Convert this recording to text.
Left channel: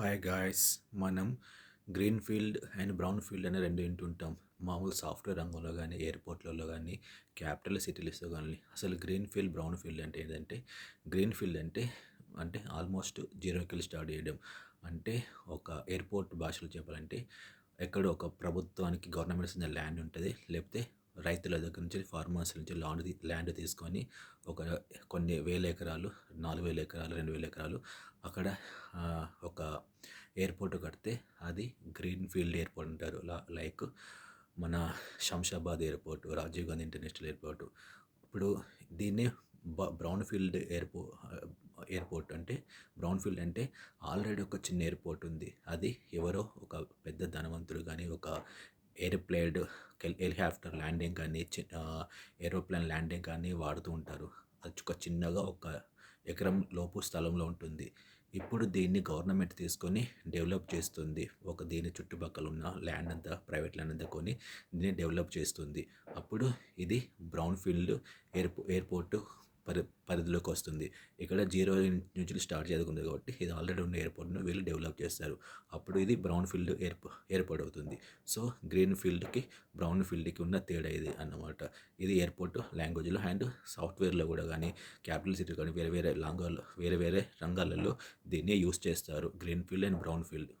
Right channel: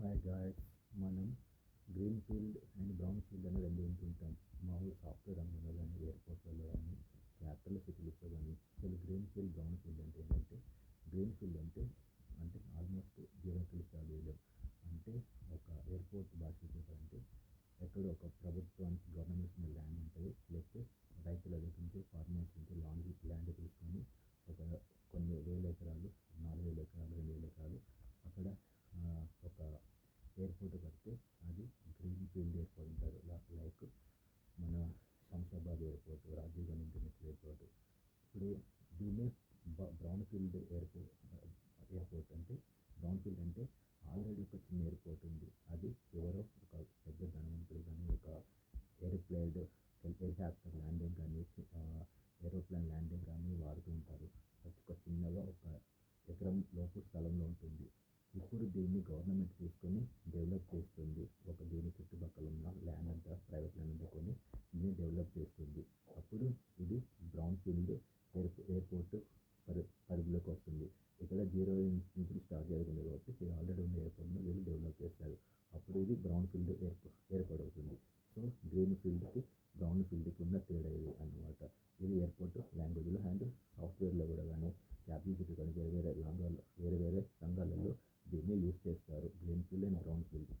Hi guys. మనం green field and brown field అని రెండు వింటుంటాం. మామూలు సాఫ్ట్వేర్ రంగంలో కానీ, ఎయిర్పోర్ట్లలో కానీ, క్యాపిటల్ సిటీస్లో కానీ. అసలు గ్రీన్ ఫీల్డ్, బ్రౌన్ ఫీల్డ్ అంటే ఏంటంటే, గ్రీన్ ఫీల్డ్ అంటే ఆల్మోస్ట్ జీరోకి స్టార్ట్ చేయడం. అంటే ఒక ఎయిర్పోర్ట్ భాషలో చెప్పాలంటే, ఎక్కడో ఒక ప్రభుత్వానికి గవర్నమెంట్ ఇచ్చిన ల్యాండ్ ఉంటుంది, లేకపోతే రైతుల దగ్గర నుంచి ఫార్మర్స్ నుంచి ల్యాండ్ తీసుకొని ఒక కొన్ని వేల ఎకరాలు, 4,000 ఎకరాలు, 2,000 ఎకరాలు అక్కడ ఒక ఎయిర్పోర్ట్ కడితే అది గ్రీన్ ఫీల్డ్ ఎయిర్పోర్ట్ అంటారు. లైక్ మన Shamshabad airport, Rajiv Gandhi international airport. ఇప్పుడు దీన్ని బ్రౌన్ ఫీల్డ్ ఎయిర్పోర్ట్ అంటే, బ్రౌన్ ఫీల్డ్ అంటే ఆల్రెడీ ఒక చిన్న ఎయిర్పోర్ట్ ఉంది. అది ఎవరో ఒక పెద్ద ధనవంతుడు కానీ, ఒక హెలికాప్టర్ ల్యాండింగ్ కానీ, ఏరోప్లేన్ ల్యాండింగ్ కానీ వాడుతూ ఉంటారు. అది ఒక చిన్నగా ఒక ఎకరం లోపు స్థలంలో ఉంటుంది. ఇప్పుడు దీన్ని గవర్నమెంట్ తీసుకొని డెవలప్ చేస్తుంది. దీని చుట్టుపక్కల ఉన్న ల్యాండ్ అంతా, ప్రైవేట్ ల్యాండ్ అంతా కొని దీన్ని డెవలప్ చేస్తుంది. అప్పుడు ఇది బ్రౌన్ ఫీల్డ్ ఎయిర్పోర్ట్ పరిధిలోకి వస్తుంది. ఇక్కడ జీరో నుంచి స్టార్ట్ చేయకుండా కాబట్టి ఇది ఆల్రెడీ ఉన్న ఎయిర్పోర్ట్ను వీళ్ళు డెవలప్ చేస్తారు. అప్పుడు ఇది బ్రౌన్ ఫీల్డ్ ఎయిర్పోర్ట్ అవుతుంది. సో గ్రీన్ ఫీల్డ్కి, బ్రౌన్ ఫీల్డ్కి ఉన్న తేడా ఇది అన్నమాట. ఇది ఎయిర్పోర్ట్ లాంగ్వేజ్లో అండ్ సాఫ్ట్వేర్లో కూడా కానీ, క్యాపిటల్ సిటీ కానీ వేరే వేరే రంగాల్లో దీన్ని యూస్ చేస్తారు. Green field and brown field.